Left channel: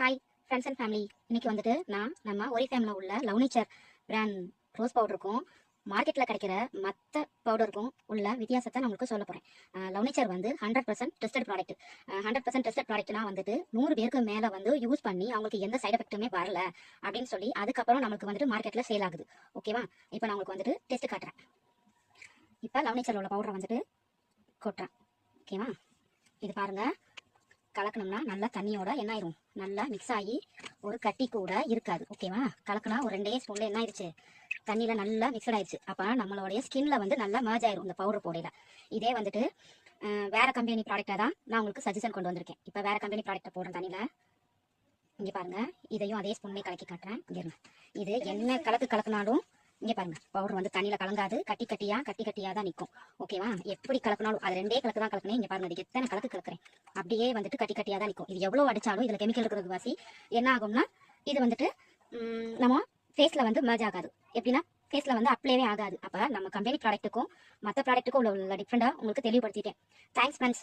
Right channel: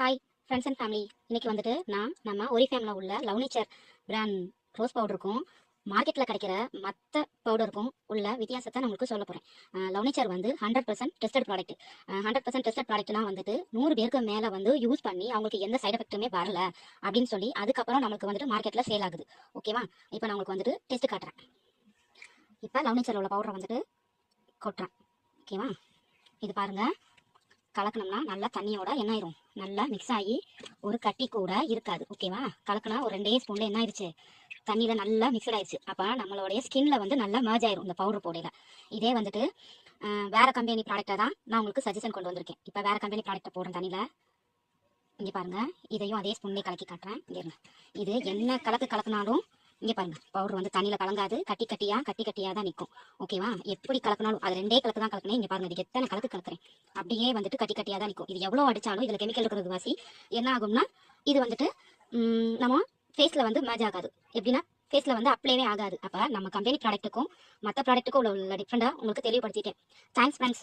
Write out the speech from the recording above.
Hi friends and family. இன்றைக்கி வந்துட்டு நம்ம ஒரிஃபேமில் உள்ள லவ் நேச்சர் பிராண்ட் ரோஸ் பவுடருக்கும் மார்க்கெட்டில் கிடைக்கிற மற்ற பவுடருக்கும் உள்ள வித்தியாசத்தை நான் உங்களுக்கு சொல்ல போகிறேன். லவ் நேச்சர் வந்து 100% டெஸ்டட் ப்ராடக்ட். 100% டெஸ்டட் ப்ராடக்ட்லாம் வந்துட்டு 100 பேருக்கு மேலே வந்து யூஸ் பண்ணி அவங்களுக்கு எந்த சைட் எஃபெக்ட்டுமே வரல அப்படின்னு சொல்லி அதுக்கப்புறம் நம்மளுக்கு வந்துட்டு மார்க்கெட்டில் சேல் ஆகுது. ஓகேவா? இப்போ நான் உங்களுக்கு வந்துட்டு டெஸ்ட் காட்டுறேன். இப்போ லவ் நேச்சரில் உள்ள பவுடரை வந்துட்டு கொட்டுறேன். ஓகேவா? இது பாருங்கள், கலக்கணும்னா நல்லா தண்ணியோட என்ன ஆயிரும், நல்லா மிக்ஸ் ஆகி ஒரு கட்டி கூட இருக்காது. ஓகேவா? கலக்கினா ஒரு 2 ஸ்பூன்ல என்ன ஆயிடுச்சு, தண்ணியில நல்லா மிக்சட் ஆயிடுச்சு. அப்போ நம்மளுடைய ஸ்கின்ல வந்து நல்லா மேர்ஜ் ஆயிரும் இந்த பவுடர் போடையில. இதே வந்துட்டு வேற கம்பெனி ப்ராடக்டை தான் நான் உங்களுக்கு சஜஷன் கொண்டு வந்திருக்கேன். இப்போ வேற கம்பெனி ப்ராடக்டை போடுறேன் தண்ணியில். இங்கே பாருங்க, இதையும் அதே ஸ்பூன்லேயே கலக்கி காட்டுறேன். இங்கே இருங்க, இது என்ன கலக்குனாலும் இங்கே பாருங்க, பவுடர் வந்து தண்ணியில் கலங்காது, கட்டி கட்டியாக தான் நிற்கும். ஓகேவா? எப்படி கலக்கினாலும் அது 2 கலக்கு தான் கலக்கணும். இங்கே பாருங்க, இது எத்தனை கலக்கு கலக்குறேன், அப்படியே வந்துட்டு கட்டி கட்டியாக தான் நிற்கும். இது எவ்வளோ அடித்தாலும் இதில் கெமிக்கல் இருக்கிறது வாசி என்ன ஆகும்னா, இது வந்துட்டு நம்ம ஃபேஸில் வந்து மேட்ச் ஆகாது. எப்படின்னா ஃபேஸில் வந்து அப்ளைவே ஆகாது. அப்போ நம்ம கம்பெனி ப்ராடக்ட்டுக்கும் மற்ற ப்ராடக்ட்டுக்கும் உள்ள டிஃப்ரெண்டாக உங்களுக்கு தெளிவுபடுத்திட்டேன். Thanks friends.